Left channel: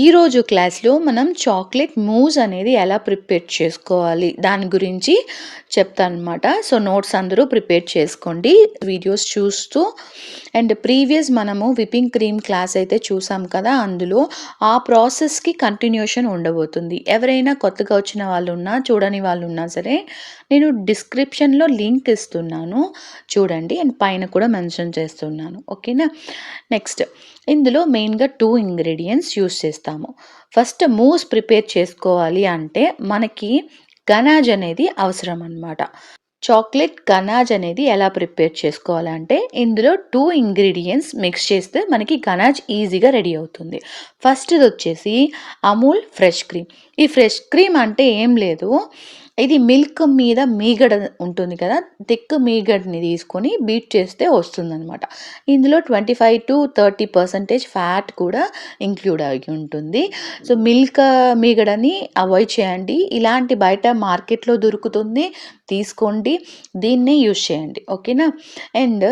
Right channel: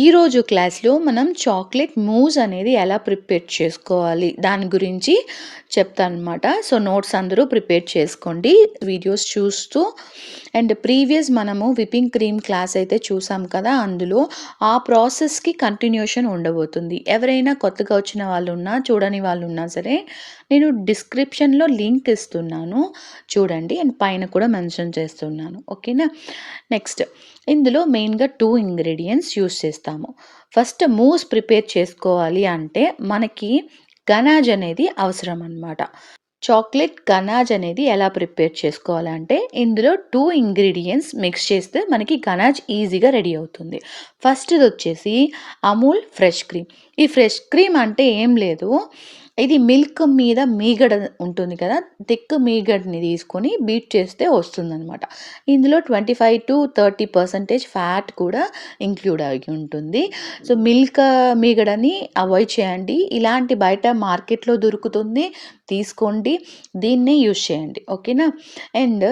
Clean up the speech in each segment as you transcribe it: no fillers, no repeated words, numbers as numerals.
ఈరోజు క్లాస్లో మనం చాక్లెట్ మూస్ అనేది ఎలా ప్రిపేర్ చేసుకోవాలి దాని గురించి చెప్తాను అనమాట. సో నోట్స్ అందరూ ప్రిపేర్ చేసుకోండి వీడియోస్ చూస్తూ. అండ్ ప్రీవియస్ మనము విప్పింగ్ క్రీమ్ క్లాస్ అయితే చూసాం కదా, అందులో ఆ ప్రాసెస్కి కంటిన్యూషన్ ఉండబోతుంది. ఎవరైనా కొత్తగా వచ్చిన వాళ్ళు ఉన్నా చూడని వాళ్ళు ఉన్నా సరే నేను డిస్క్రిప్షన్లో లింక్ ఇస్తున్నాను, చూడండి. అండ్ పైన కూడా మెన్షన్ చేస్తున్నాను, ఓకేనా. నెక్స్ట్, ఇందులో మెయిన్గా 2 ఇంగ్రీడియంట్స్ యూస్ చేస్తాము. ఫస్ట్ మూస్ ప్రిపేర్ చేసుకోవాలి అంటే మనకి గనాజ్ అనేది అవసరం అనమాట. చాక్లెట్ గనాజ్ అనేది ఎలా ప్రిపేర్ చేసుకోవాలంటే ఇందులో 2 ఇంగ్రీడియంట్స్ మిక్స్ చేస్తే మనకి గనాజ్ ఈజీగా రెడీ అవుతుంది. ఫస్ట్ది వచ్చేసి అమూల్ ఫ్రెష్ క్రీమ్. ఈ ఫ్రెష్ క్రీమ్ అంటే ఏం లేదు, ఇది మిల్క్ మీద మీగడ ఉంటుంది కదా, థిక్ మీగడని తీసుకొని బీట్ చేస్తే వస్తుందనమాట. ఇందులో 25-30% ఫ్యాట్ కూడా ఇంక్లూడ్ అయి ఉంటుంది. సో మిల్క్ మీగడని అవాయిడ్ చేయండి. ఇలాంటి బయట మార్కెట్లో దొరుకుతుంది, తీసుకోండి, దీన్నే యూజ్ చేయండి, ఓకేనా. అండ్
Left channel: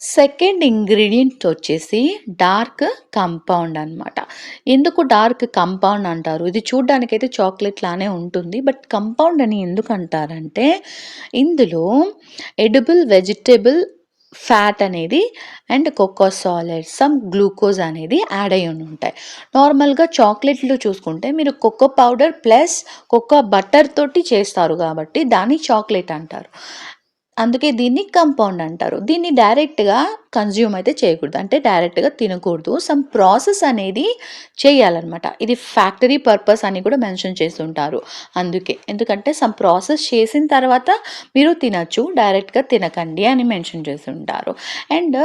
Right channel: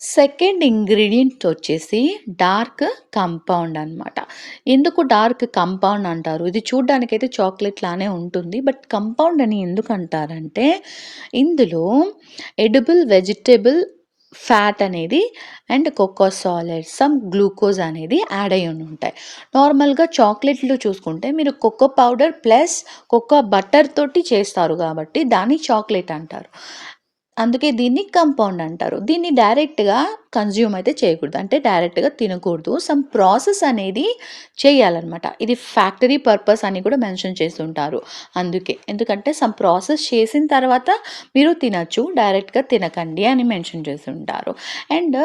సెకండ్ ఇంగ్రీడియంట్ వచ్చేసి డార్క్ కంపౌండ్ అనమాట. ఎందుకు డార్క్ కంపౌండ్ అంటారు? ఇది చూడ్డానికైతే చాక్లెట్ లానే ఉంటుంది, బట్ కంపౌండ్ అని ఎందుకు అంటారంటే ఇందులో ఎడిబుల్ వెజిటబుల్ ఫ్యాట్ అనేది and cocoa solid, some glucose అనేది యాడ్ అయ్యి ఉంటాయి. నార్మల్గా చాక్లెట్లు చూసుకుంటే మీరు cocoa powder plus cocoa butter తోటి చేస్తారు కాబట్టి దాన్ని చాక్లెట్ అంటారు. అందుకే దీన్ని కంపౌండ్ అంటారు. దీన్ని డైరెక్ట్గా కన్జ్యూమ్ అయితే చేయకూడదు, అంటే డైరెక్ట్గా తినకూడదు. సమ్ ప్రాసెస్ అనేది చేయాలన్నమాట. ఇది ఫ్యాక్టరీ పర్పస్ అని కూడా మెన్షన్ చేస్తుంటారు. అందుకే, ఎందుకంటే సమ్ ప్రాసెస్ చేసిన తర్వాత మీరు తినచ్చు, డైరెక్ట్గా తినకండి అని మెన్షన్ చేస్తుంటారు. అండ్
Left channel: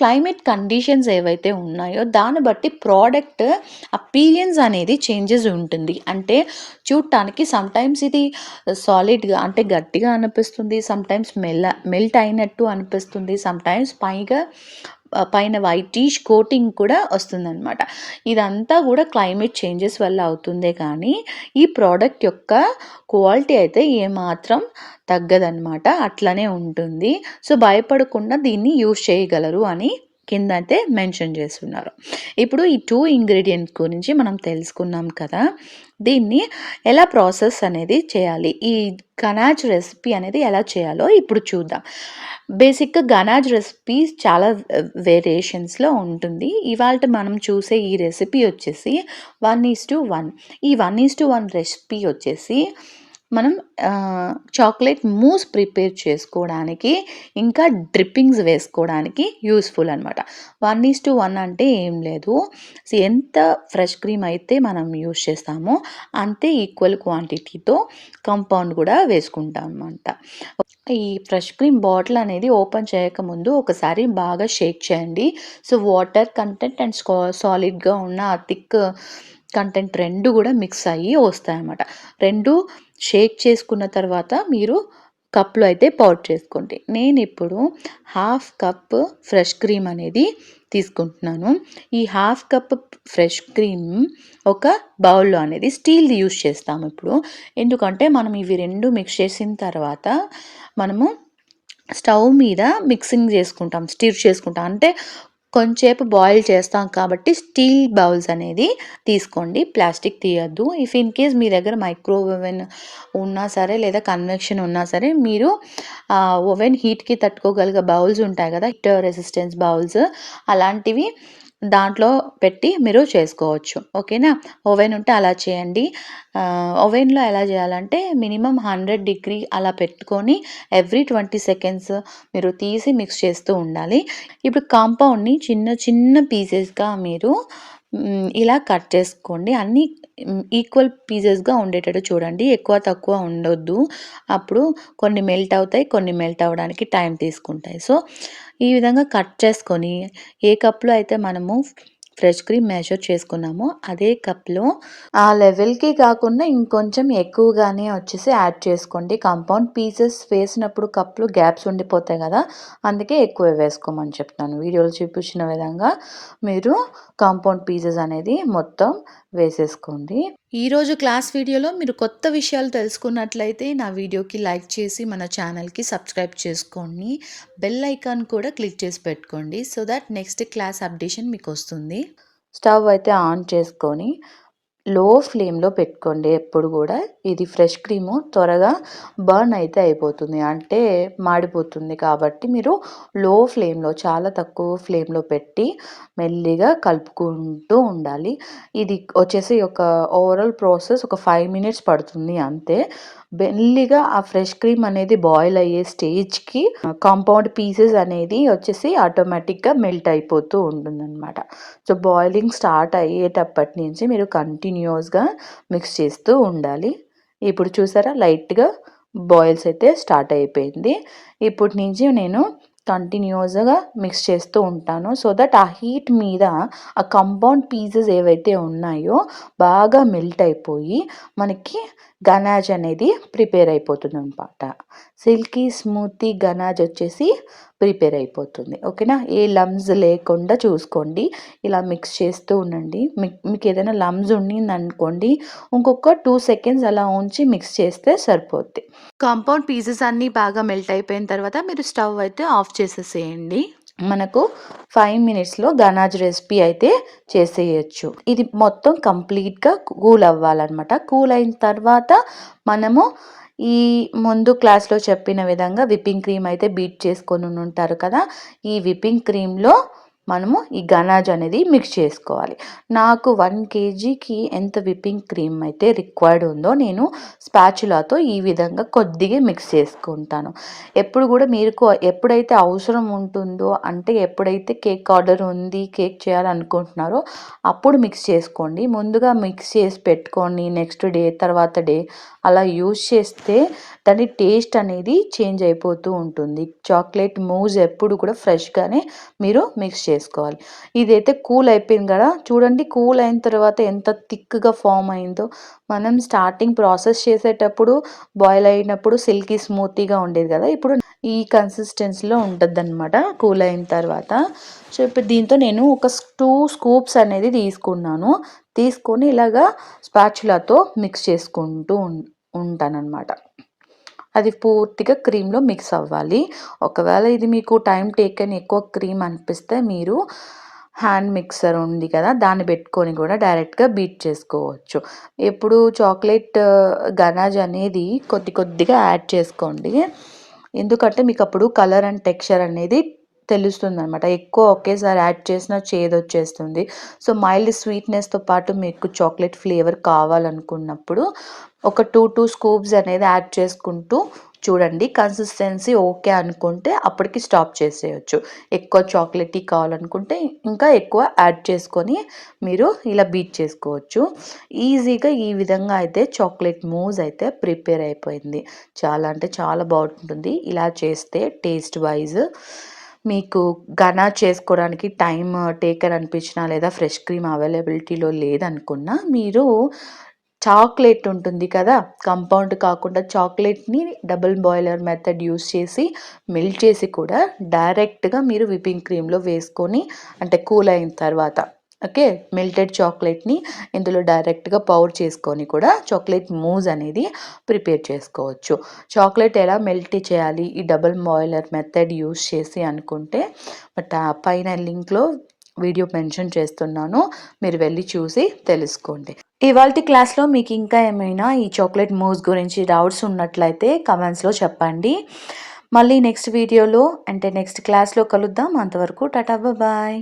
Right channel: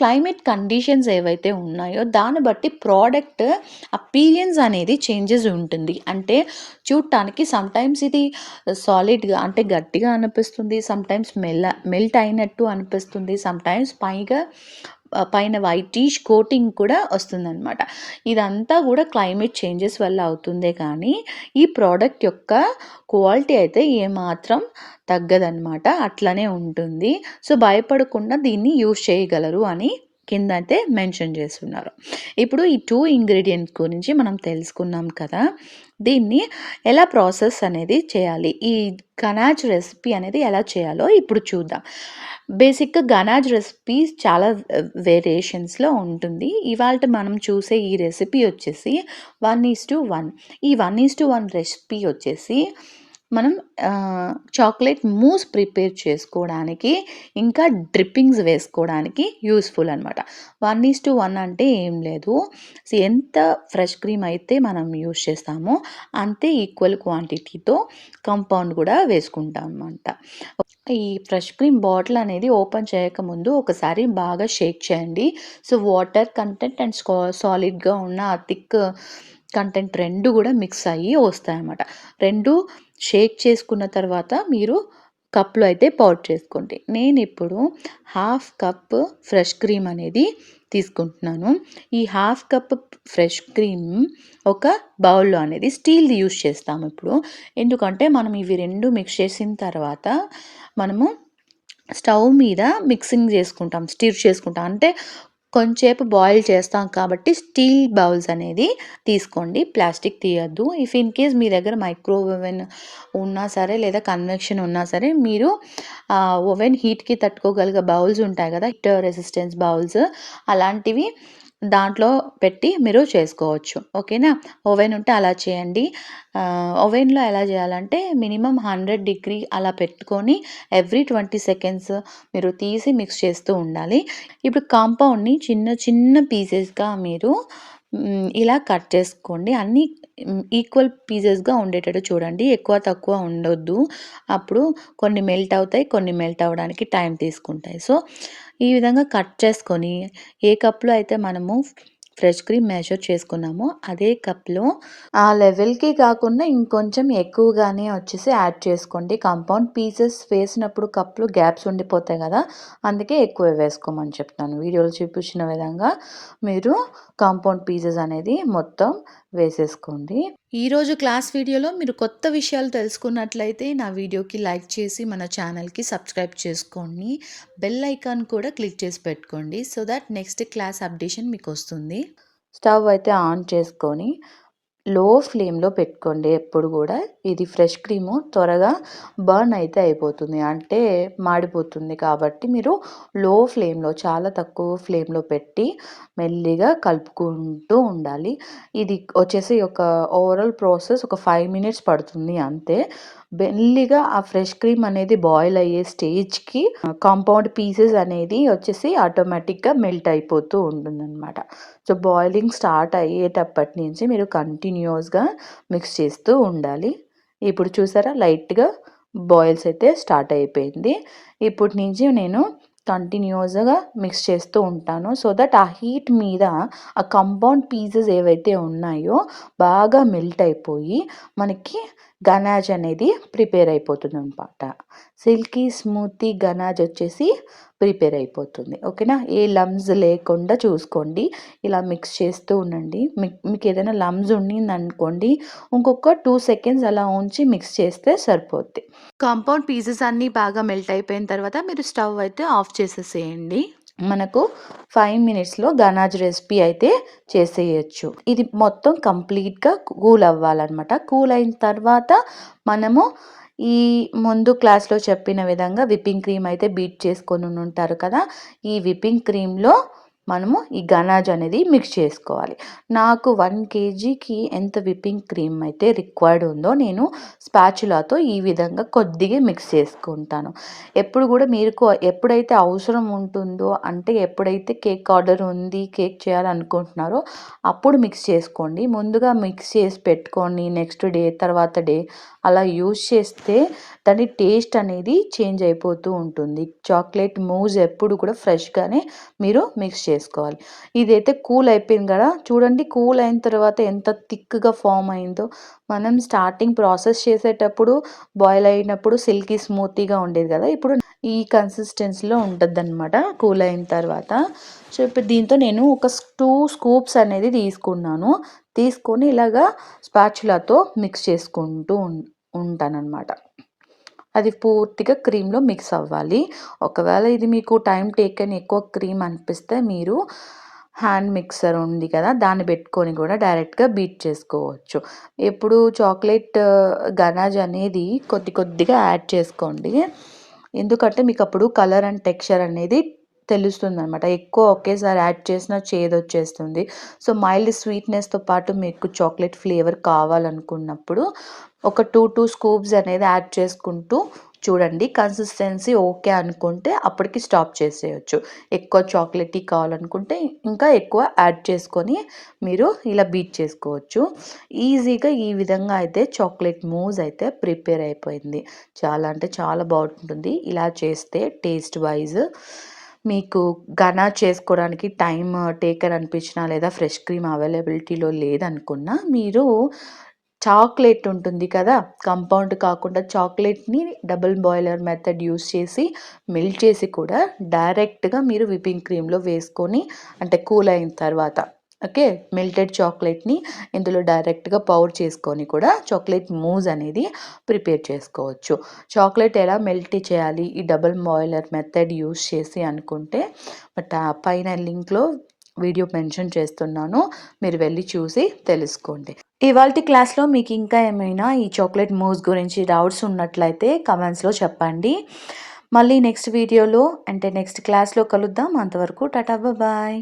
క్లైమేట్ కండిషన్స్ ఏవైతే ఉన్నాయో దాన్ని బట్టి ప్రోడక్ట్ అపీరియన్స్ అనేది చేంజెస్ ఉంటుంది. అంటే చూడటానికి సమ్టైమ్స్ ఇది సాలిడ్గా అంటే గట్టిగా అనిపిస్తుంది, సమ్టైమ్స్ మెల్ట్ అయినట్టు అనిపిస్తుంది, సమ్టైమ్స్ పైన వైటిష్ కోటింగ్ కూడా వస్తుందన్నమాట. ఇదంతా కూడా క్లైమేట్ చేంజెస్ వల్ల అవుతుందే కానీ ఈ ప్రోడక్ట్ యొక్క క్వాలిటీ అయితే ఏమాత్రం తగ్గదన్నమాట, అట్లనే ఉంటుంది. సో భయపడకుండా దీన్ని యూజ్ చేయగలరు అని కింద అయితే మెన్షన్ చేస్తున్నారు. ఇప్పుడు ఈ 2 ఇంగ్రీడియంట్స్ గురించి మనం తెలుసుకున్నాం కదా, దీన్ని ఎలా ప్రాసెస్ అనేది చేయాలి, ఈ గనాజ్ రెసిపీ అనేది ఎలా చేయాలో ఇప్పుడు చూద్దాం. బేసిక్గా గనాజ్ రెసిపీ చాలా వేరియేషన్స్లో ఉంటుంది. ఇవాళ మనం చూసే ఈ రెసిపీ వచ్చేసి 1:1. ఈ 1:1 రెసిపీ వచ్చేసి మనం చాక్లెట్ మూస్ ప్రిపేర్ చేసుకోవడానికి ఇంకా డ్రిప్పింగ్స్ వేసుకోవడానికి యూస్ఫుల్ అనమాట. 1:1 అంటే ఏం లేదు, ఎంత ఫ్రెష్ క్రీమ్ అయితే మనం యూస్ చేస్తామో అంతే ఈక్వల్ క్వాంటిటీతో కంపౌండ్ కూడా వేసుకుంటాం అనమాట. ఈ ఫ్రెష్ క్రీమ్ బాటిల్ అనేది ఓపెన్ చేయకముందు ఒకసారి బాగా షేక్ చేయండి. సో వాటర్ కంటెంట్ అండ్ సాలిడ్గా ఉన్న థిక్ కంటెంట్ రెండు కూడా మిక్స్ అయ్యి వస్తాయన్నమాట. రెండు షేక్ చేసుకున్న తర్వాత మీరు కప్లో అయితే పౌర్ చేసుకోండి. నేను ఇప్పుడు 1/2 కప్ ఫ్రెష్ క్రీమ్ అనేది తీసుకుంటున్నాను. ఈ 1/2 కప్ ఫ్రెష్ క్రీమ్ ఒక బౌల్లో అనేది స్టీల్ది యూస్ చేస్తాము ఇప్పుడు. ఎందుకంటే మనం ఇవి రెండు మిక్స్ చేసిన తర్వాత మనము స్టవ్ మీద మిక్సింగ్ చేసుకుంటాం, స్టిర్ చేసుకుంటాం, అంటే కొంచెంసేపు బాయిల్ చేస్తాం కాబట్టి స్టీల్ బౌల్స్ అనేది తీసుకోండి, ప్లాస్టిక్ తీయద్దు. ఇఫ్ ఇన్ కేస్ మీ దగ్గర మైక్రోవేవ్ ఓవెన్ ఉన్నా సరే లేదా కన్వెక్షన్ ఉన్నా సరే మీరు ఓవెన్ హీట్కి తట్టుకోగలిగే బౌల్స్ ఉంటాయి కదా, హీట్ రెసిస్టెన్స్ బౌల్స్, అలాంటివి దాంట్లో పెట్టి మీరు చేసుకోవచ్చు, ఓకేనా. ఓవెన్ ఉంటే అలా చేయండి. ఓవెన్లో ఎలా చేయాలంటే మినిమం 100 డిగ్రీ అలా పెట్టుకొని ఎవ్రీ 20 సెకండ్స్ మీరు తీసి మిక్స్ చేస్తూ ఉండాలి. ఇప్పుడు కాంపౌండ్ని చిన్న చిన్న పీసెస్గా మీరు ఇలా కట్ చేసుకోండి. అన్నీ ఈక్వల్ పీసెస్గా ఉండేటట్టు చూడండి, ఎక్కువ తక్కువ ఉండొద్దు. అప్పుడు కొన్ని మెల్ట్ అవుతాయి, కొన్ని మెల్ట్ అవ్వడానికి టైం తీసుకుంటాయి. సో ఈ విధంగా కట్ చేసుకొని ఏ కప్లో అయితే మనము ఫ్రెష్ క్రీమ్ మెజర్ చేసుకున్నామో అదే కప్లో ఆ లెవెల్కి కాకుండా ఇంకొంచెం ఎక్కువగానే వచ్చేసి యాడ్ చేసుకోండి. కాంపౌండ్ పీసెస్ వేసినప్పుడు కప్లో గ్యాప్స్ ఉండిపోతాయి కదా, అందుకే ఎక్కువ వేసుకోమని చెప్తాను. వీడియోలో చూపించిన విధంగా మీరు కాంపౌండ్ పీసెస్ అనేది మొత్తం వేసేసుకోండి. ఈరోజు క్లాస్ వీడియోలో మీరు కొత్త విషయాలు తెలుసుకున్నట్లయితే నా వీడియోకి లైక్ చేసి మన ఛానల్కి సబ్స్క్రైబ్ చేసుకోండి, బెల్ ఐకాన్ కూడా క్లిక్ చేసి పెట్టుకోండి, so that next class updation మీకు వస్తుంది. స్టవ్ అయితే ఆన్ చేసుకొని లో ఫ్లేమ్‌లో పెట్టుకోండి ఎప్పుడు గూడా. ఇది ఫ్రెష్ క్రీము త్వరగా బర్న్ అయితే అయిపోతుంది. అంటే మాడిపోతుంది కాబట్టి మీరు లో ఫ్లేమ్‌లో చాలా తక్కువ ఫ్లేమ్‌లో పెట్టి మెల్లిగా కలుపుకుంటూ ఉండాలి. ఇది వచ్చేసి ఒక ఓవరాల్ ప్రాసెస్ ఒక 5 మినిట్స్ పడుతుంది అంతే. మెల్లిగా ఆ ఫ్రెష్ క్రీమ్ అనేది బాయిల్ అయ్యే స్టేజ్‌కి కాంపౌండ్ పీసెస్ అనేది వచ్చేసి ఆటోమేటిక్‌గా మెల్ట్ అయిపోతూ ఉంటుందనమాట. సో, బాయిలింగ్ స్టార్ట్ అయ్యేటప్పటి నుంచి మీరు కంటిన్యూయస్‌గా మిక్స్ చేస్తూ ఉండాలి. ఇప్పుడు చూసారా లైట్‌గా బాయిల్స్ అయితే స్టార్ట్ అయిపోయింది. ఇప్పటి నుంచి నేను కంటిన్యూయస్‌గా మిక్స్ చేస్తూ ఉంటాను. సో దట్ ఆ హీట్ మీద ఆ కాంపౌండ్ పీసెస్ ఏవైతే ఉన్నాయో బాగా మెల్ట్ అయిపోయి మనకి గనాజ్ అనేది ప్రిపేర్ అయిపోతుందనమాట. సిల్కీ స్మూతీ గనాజ్ వచ్చేసి ప్రిపేర్ అయిపోతుంది. ఓకేనా? ఏ లమ్స్ లేకుండా చూసుకోండి. ఇలా మిక్స్ చేస్తూ ఉండండి. మీకు ఏదైనా లమ్స్ ఉండిందనుకోండి, ఇంకొక 2 సెకండ్స్ అలా ఉంచి మిక్స్ చేస్తే సరిపోద్ది. కాంపౌండ్ పీసెస్ అన్నీ బాగా మెల్ట్ అయిపోయిన తర్వాత మీరు స్టవ్ అయితే ఆఫ్ చేసేసేయండి. మనకు 5 మినిట్స్‌లో గనాజ్ రెసిపీ అయితే చేసేయొచ్చు. ఇది మొత్తం కంప్లీట్‌గా కూల్ అవ్వాలనమాట. కూల్ అయిన తర్వాత మనము ఈ ముందు క్లాస్‌లో చెప్పిన విధంగా విప్పింగ్ క్రీమ్ అయితే బీట్ చేసుకొనుంటారు కదా! ఈ విప్పింగ్ క్రీమ్‌లో మనము ఈ గనాజ్ అనేది మిక్స్ చేసుకోవాలి. నాకు 1 కేజీకి ఎంత విప్పింగ్ క్రీమ్ అయితే రిక్వైర్డ్ ఉందో నేను స్పాచులాతో ఈ విధంగా కొద్దిగా మిక్స్ చేసుకుంటాను. ఎప్పుడు కూడా మీకు ఎప్పుడైతే అవసరం ఉంటుందో అంటే ఎప్పుడైతే కేక్ ఆర్డర్ ఉంది, కేక్ చేయాలనుకుంటున్నారో అప్పుడు మిక్స్ చేసుకోండి. ముందుగా మిక్స్ చేసి పెట్టుకొని నెక్స్ట్ డే, తర్వాత డే అలా యూజ్ చేస్తే దాని టేస్ట్ అనేది చేంజ్ అయిపోతూ ఉంటుంది. చాక్లెట్ మూజ్ ఎప్పుడు కూడా ఫ్రెష్‌గానే మీరు మిక్స్ చేసుకోవాలి. ఇదైతే కూల్ అయిపోయింది కదా! చూడండి కూల్ అయిన తర్వాత ఎంత థిక్‌గా ఫార్మ్ అయిందో. మనం స్టార్టింగ్ ప్రాసెస్ చేసేటప్పుడు బాయిల్ అయినప్పుడు సిల్కీ స్మూతీగా ఉండేది కదా! ఇప్పుడు ఈ కన్సిస్టెన్సీలో ఉంటదనమాట కూల్ అయిన తర్వాత. సో, ఇప్పుడు దీంతో నేను ఒక 2 స్కూప్స్ అనేది తీసుకున్నాను. తీసుకొని ఇలాగా స్పాచులాతో మిక్స్ చేసుకుంటూ ఉంటాననమాట. అది పూర్తిగా క్రీమ్‌లో మిక్స్ అవ్వాలి. ఒకవేళ ఇది మీకు టైం టేకెన్ ఎక్కువ క్రీమ్ అనిపిస్తే మీరు హ్యాండ్ మిక్సర్ ఉంది కదా! దాన్ని పెట్టుకొని కూడా డైరెక్ట్‌గా బీట్ చేసుకోవచ్చు. ఎప్పుడు చాక్లెట్ గనాజ్ అనేది కొద్ది కొద్దిగా యాడ్ చేసుకోండి. ఎందుకంటే మీకప్పుడు కలర్ అండ్ టెక్స్చర్ అనేది తెలుస్తుందనమాట. ఎక్కువ ఒకేసారి యాడ్ చేసినా చేదొచ్చేస్తుంది. సో, మైల్డ్ స్వీట్‌నెస్‌తో పాటు మీకు చాక్లెట్ ఫ్లేవర్ కావాలనుకున్నప్పుడు ఒక 2 స్కూప్స్ అనేది యాడ్ చేసుకుంటూ చూడండి. కన్సిస్టెన్సీ ఓకే అనుకుంటే అప్పటికి స్టాప్ చేసేయొచ్చు. ఎక్కువ చాక్లెటీ కావాలనుకుంటే ఇంకా ఎక్కువ యాడ్ చేసుకొని మీరు ఇలా బీట్ చేసుకోవచ్చు. ఈజీగా ఈ విధంగా అయితే చాక్లెట్ మూజ్ అయితే ప్రిపేర్ అయిపోయింది. చాలా అంటే చాలా బాగుంటుంది. ఇలా చేస్తే టేస్ట్ వైజ్ మీకు గనాజ్ చేసుకోవడానికి టైమ్ టేకన్ అనిపించినా లేదా ఫ్రెష్ క్రీమ్ అవైలబిలిటీలో లేదనుకున్నా మీరు చాక్లెట్ ఉంటుంది కదా! కంపౌండ్ కాకుండా చాక్లెట్‌ని డబుల్ బాయిలర్ మెథడ్ యూజ్ చేసి మెల్ట్ చేసి కూడా డైరెక్ట్‌గా మీరు విప్పింగ్ క్రీమ్‌లో వేసుకొని అంటే కూల్ అయిన తర్వాత ఓకే. మెల్టెడ్ చాక్లెట్‌ని ఇందులో డైరెక్ట్‌గా పౌర్ చేసుకొని కూడా చాక్లెట్ మూజ్ అనేది ప్రిపేర్ చేసుకోవచ్చు. చాక్లెట్ ఎలా మెల్ట్ చేయాలి ఈ డబుల్ బాయిలర్ మెథడ్ యూజ్ చేసి అనుకుంటే పైన లింక్‌లో వీడియో మెన్షన్ చేస్తున్నాను. మీరు వెళ్ళి చూసి తెలుసుకోండి. ఇవాల్టి క్లాస్‌లో మీకు ఇంకా ఏమైనా ఈ చాక్లెట్ మూస్ గురించి డౌట్స్ ఉన్నట్లయితే కామెంట్స్‌లో చెప్పండి. మళ్ళీ నెక్స్ట్ వీడియోలో అంటే నెక్స్ట్ క్లాస్‌లో కలుద్దాం. అంతవరకు టాటా బాయ్.